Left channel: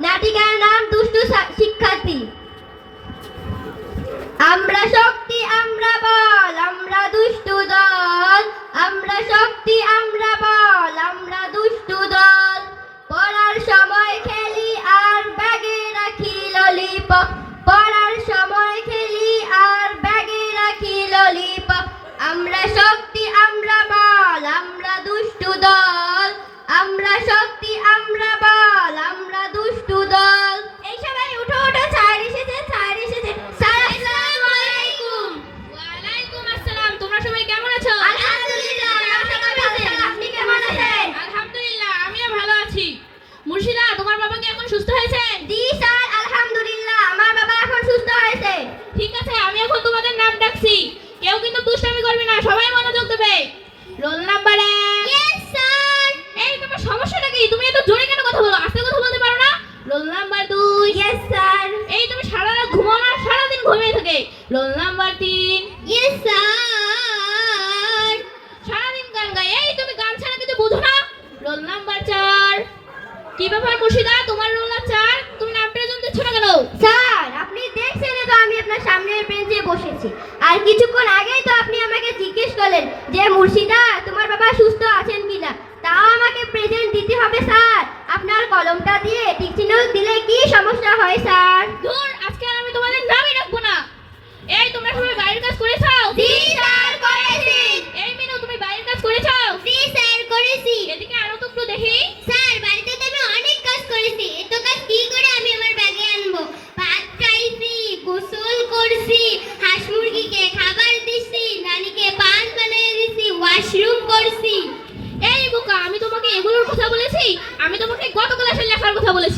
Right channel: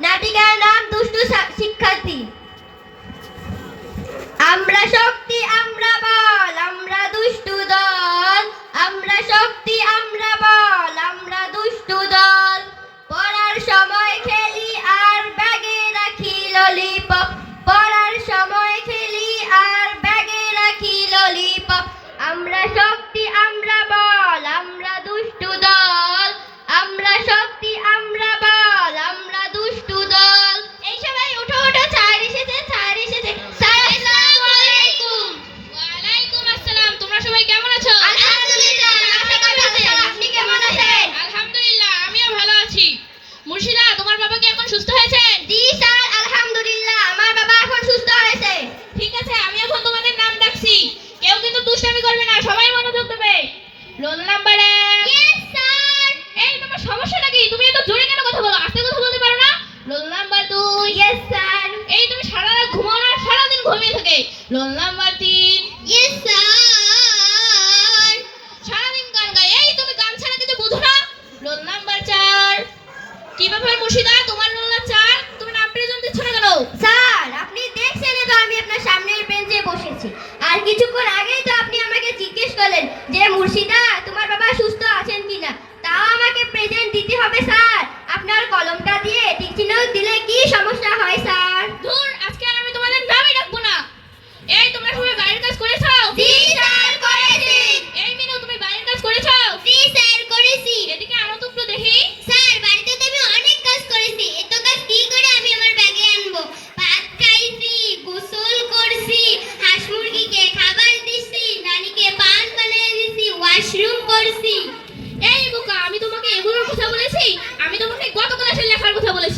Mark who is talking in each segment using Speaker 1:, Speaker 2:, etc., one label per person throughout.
Speaker 1: নাটিকার নাম দুষ্টু শিক্ষার্থী।
Speaker 2: রোল নাম্বার এক।
Speaker 1: স্যার
Speaker 2: এই তোমার সমস্যাটা কি? তুমি এত জোরে কেন কথা বলো? আস্তে কথা বলতে পারো না? রোল নাম্বার দুই।
Speaker 1: ইয়েস স্যার
Speaker 2: এই তুমি সারা রাত ঘুমাও না সারাদিন ঘুমিয়ে থাকে। রোল নাম্বার তিন।
Speaker 1: ইয়েস স্যার
Speaker 2: সারাদিন গান গায়। এই তুমি গান ছাড়া কিছু বুঝো না। রোল নাম্বার চার। কি ব্যাপার মুর্শিদা? তোমার রোল না চার? তুমি নাম প্রেজেন্ট দিচ্ছ না কেন?
Speaker 1: স্যার আপনি দেখছেন তো আমি আপনার সামনের বেঞ্চে বসেছি। আর কিছুক্ষণ আগেই তো আপনি আমাকে জিজ্ঞেস করলেন যে মুর্শিদা তোমার বাবা সুস্থ আছেন কিনা তাও আমাকে প্রেজেন্ট দিতে হবে স্যার আপনার কলমটা দিয়ে টিক চিহ্ন দিলে কি সমস্যা হয় স্যার
Speaker 2: ধুর আজকে আর আমি তোমাদের নামই রাখব না এই তোমরা সবাই বাইরের কাজ করেছ
Speaker 1: জি স্যার করেছি
Speaker 2: এই মিনু তুমি বাইরের কাজ করেছ
Speaker 1: জি স্যার করেছি
Speaker 2: এদিকে আরও তো একটু দেখি
Speaker 1: স্যার বাড়িতে তো আমি অনেক কাজ করেছি এত কাজ কি করে আমি আমার ব্যাগে আনব ভাত খাইছি গোসল করছি হাঁস মুরগিকে খাবার দিছি নানিকে পান বানিয়ে দিছি ওয়াশরুম করছি
Speaker 2: এই বোকা আমি তোমাকে এগুলোর কথা বলেছি আমি তোমাকে গত ক্লাসের লেখার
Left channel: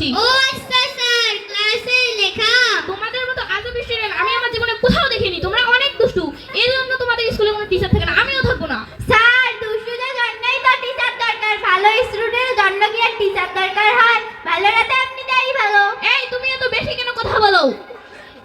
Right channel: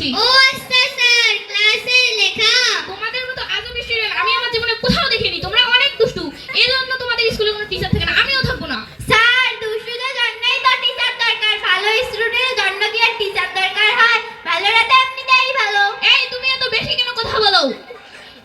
Speaker 2: কথা বলেছি
Speaker 1: ও আচ্ছা স্যার ক্লাসে লেখা
Speaker 2: তোমাদের মতো আজব স্টুডেন্ট আমি আমার জীবনে কোথাও দেখিনি তোমরা অনেক দুষ্টু এই জন্য তোমাদের স্কুলে কোনো টিচার থাকে না আমিও থাকব না
Speaker 1: স্যার দুষ্টুদের জন্যই তো টিচার দরকার ভালো স্টুডেন্টের জন্য কি আর টিচার দরকার হয় ভালোটা তো আপনি তাই ভালো
Speaker 2: এই তুমি এত বেশি কেন কথা বলো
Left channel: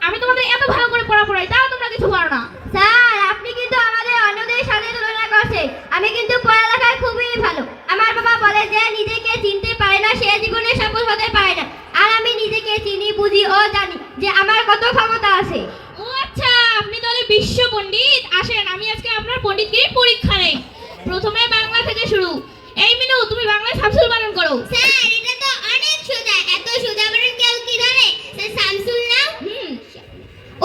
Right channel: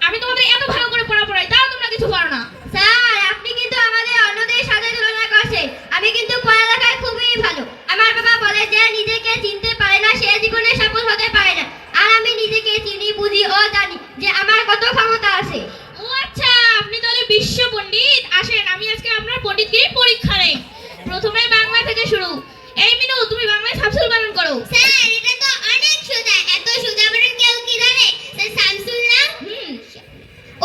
Speaker 2: আমি তোমাদের এত ভালো করে পড়া পড়াই তাও তোমরা কিছু পারো না
Speaker 1: স্যার আপনি কিন্তু আমাদের অন্যদের সাথে তুলনা করছেন আমি কিন্তু পড়ালেখায় খুবই ভালো আমার বাবা বলে যে নিজেকে চিনতে পারে না সে জীবনে সফল হতে পারে না আর আমি নিজেকে চিনি বুঝি ও জানি যে আমার কত ক্ষমতা আছে?
Speaker 2: ও আচ্ছা আপনি তাহলে বিশ্ব পণ্ডিত। আসেন আমি আজকে আপনার পণ্ডিতগিরির পরীক্ষা নেই। প্রথমে বাংলা থেকে শুরু। এই মিনু তুমি বাংলায় সাবসুল বানান করো।
Speaker 1: স্যার এটা তো অনেক সোজা। এত সোজা বলেন কেউ কি জানে? স্যার শামসুল না?
Speaker 2: হুম।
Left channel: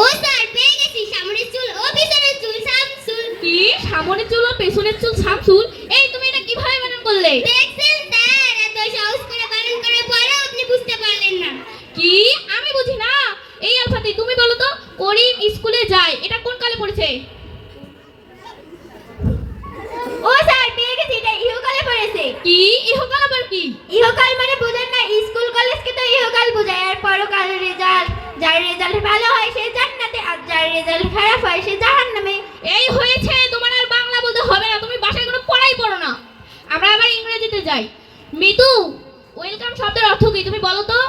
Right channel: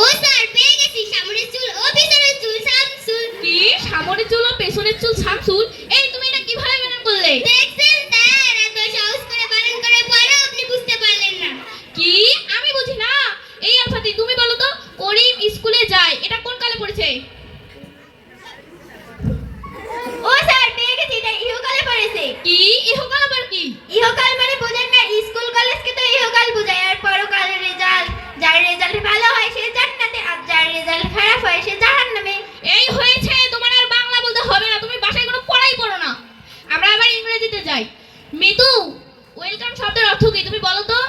Speaker 1: ও স্যার পেয়ে গেছি। সামনের চুল ও পিছনের চুল শামসুল।
Speaker 2: কি? সামনের চুল ও পেছনের চুল সামসুল এই তুমি এটা কীভাবে বানান করলে
Speaker 1: দেখছেন স্যার এত সহজ করে বানান করে পড়া আপনি বুঝতে পারলেন না
Speaker 2: কি আমি বুঝি না এই আলফাতি তুমি বলো তো করিম স্কুলে যায় এটা কোন কালে পড়েছে
Speaker 1: ও স্যার পেয়ে গেছি এটা ইহকালে পড়েছে।
Speaker 2: কি? ইহকাল আবার কি?
Speaker 1: ইহকাল মানে বোঝেন না স্কুল কলেজকে তো ইহকাল বোঝায়। আর পরকালের রেজাল্ট যার রেজাল্ট ভালো হয় সে জান্নাতে আর যার রেজাল্ট খারাপ হয় সে জাহান্নামে
Speaker 2: এই হয়েছে তোমার আর বাংলা বলতে হবে না তুমি বাসায় কোনো পড়াই করো না আমরা আবার ইংরেজিতে যাই মিতু ওয়েলকাম শব্দের অর্থ কি তুমি বলো তো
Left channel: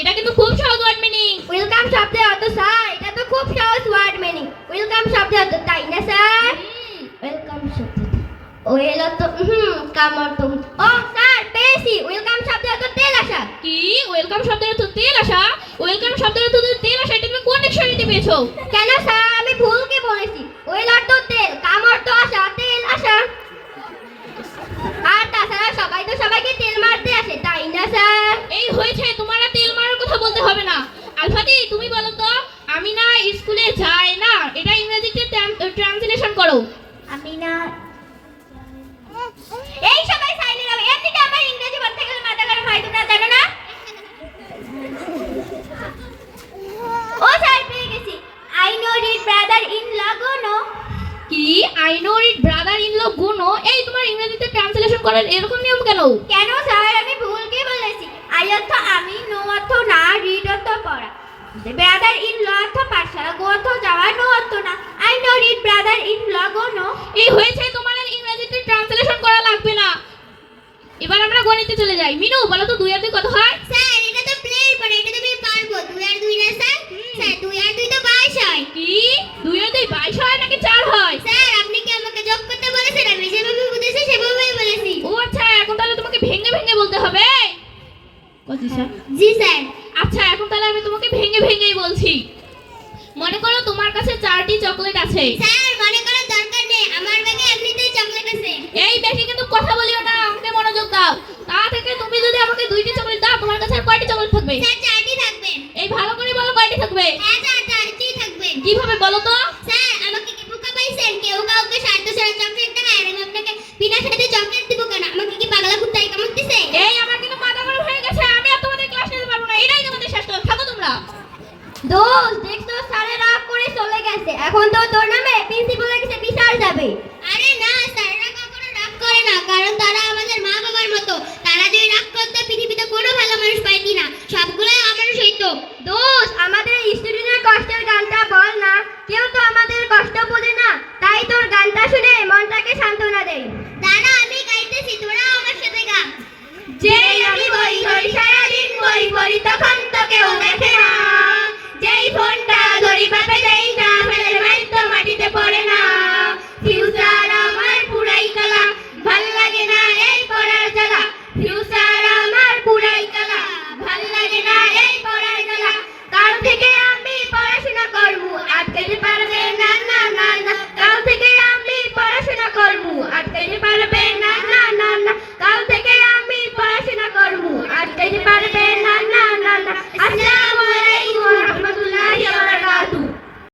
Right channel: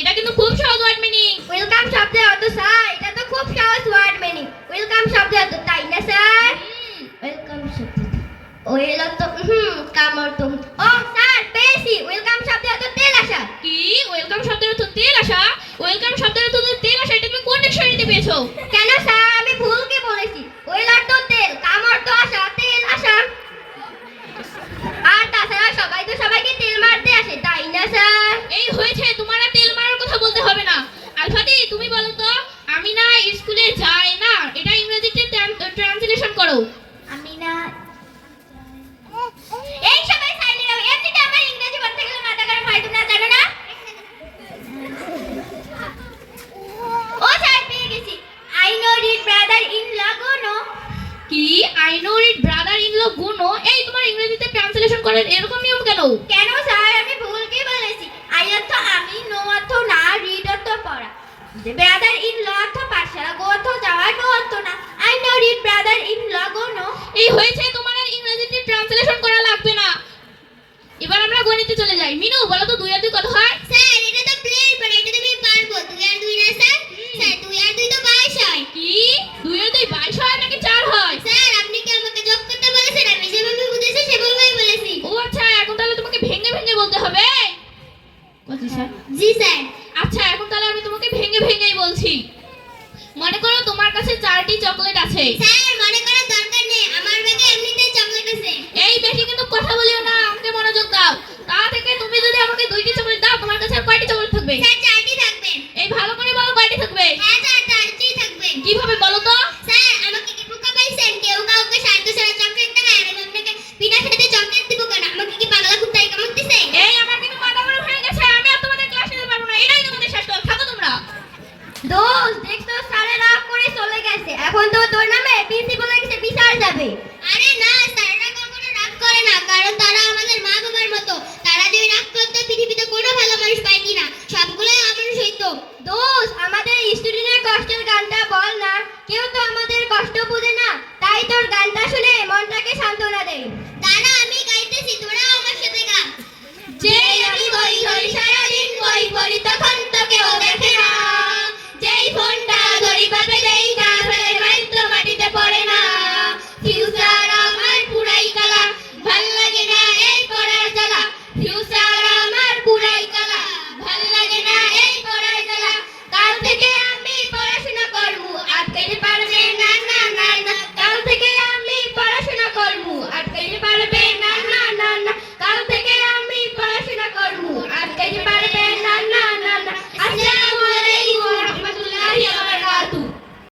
Speaker 2: এটা কিন্তু খুব সহজ ওয়ার্ড মিনিং
Speaker 1: ওয়েলকাম শব্দের অর্থ স্যার এটা তো খুব সহজ ওয়ার্ড মিনিং ওয়েলকাম শব্দের অর্থ তাই না স্যার ওয়েলকাম শব্দ ওয়েল অর্থ অর্থ ও স্যার পেয়েছি ওয়েলকাম শব্দের অর্থ তেল আসা।
Speaker 2: কি? ওয়েলকাম শব্দের অর্থ তেল আসা? ওয়েলকাম শব্দের অর্থ তেল আসা এটা তুমি কোন ডিকশনারিতে পেয়েছ?
Speaker 1: কেন স্যার আমি ভুলকে বলেছি। ওয়েল অর্থ তেল কাম অর্থ আসা তেল আসা। আর তাছাড়া সবাই তো সবাইকে তেল মারতে আসে তাই না স্যার
Speaker 2: এই হয়েছে তোমার তেল মারার কথা বলতে হবে না। আলফাতি তুমি বলো তো আমি না স্কুলে যাই না এটা ইংরেজিতে ট্রান্সলেশন করো
Speaker 1: আমি না এই সবাই সাইলেন্ট হবে এমনিতে আমার ইংরেজি বলতে গেলে মাথা গরম হয় তোমরা জানো না ও স্যার পেয়ে গেছি I know read brother in লাগোনো
Speaker 2: কি I know it brother in law গুনো এই তোমার ইংরেজিতে ট্রান্সলেশন করার এরকম নিয়ম কেন?
Speaker 1: কেন স্যার? আমি ভুলকে বলেছি? আই অর্থ আমি নো অর্থ না রিড অর্থ পড়া। ব্রাদার ইন ল অর্থ পাশা গো অর্থ যাওয়া নো অর্থ না। I know read brother in law go no
Speaker 2: এই হয়েছে তোমার ইংরেজিতে ট্রান্সলেশন করা লাগবে না। এবার আমরা গণিতে চলে যাই। মিনু বলো তো দুই আর দুই কত হয়
Speaker 1: স্যার এটা তো প্লেন পড়া এটা তো আমি পারব দুই আর দুই না স্যার স্যার দুই আর দুই তো বাইশ হয়
Speaker 2: কি দুই আর দুই বাইশ হয় নাকি চার হয়
Speaker 1: স্যার আপনি কি আমাকে যোগ করতে বলেছেন আমি যেভাবে বুঝেছি সেভাবেই বলেছি
Speaker 2: ও আচ্ছা এখন তাহলে তোমাকে ভেঙে ভেঙে বলতে হবে পঁচিশ হয়
Speaker 3: জি স্যার
Speaker 2: আচ্ছা এখন তাহলে আমি তোমাকে ভেঙে ভেঙেই বলছি মনে করো তোমার কাছে চারটি চকলেট আছে।
Speaker 3: স্যার মনে করো দরকার নেই আমার ব্যাগে এমনিতেই চকলেট আছে।
Speaker 2: এই বেশি কিন্তু কথা বলিও না আমাকে মনোযোগ দাও। তা থেকে তুমি যদি আমাকে দুইটি চকলেট দাও তোমার কাছে আর কয়টি চকলেট থাকবে?
Speaker 3: স্যার চারটি থাকবে।
Speaker 2: এই ভালো করে বলো কয়টি থাকবে?
Speaker 3: হ্যাঁ স্যার চারটি থাকবে।
Speaker 2: কীভাবে বলো তো?
Speaker 1: দোষ সারা রাত করে চলে গেছে। এখন তো তোর নামে প্রিন্সিপালের কাছে বিচার যাবে।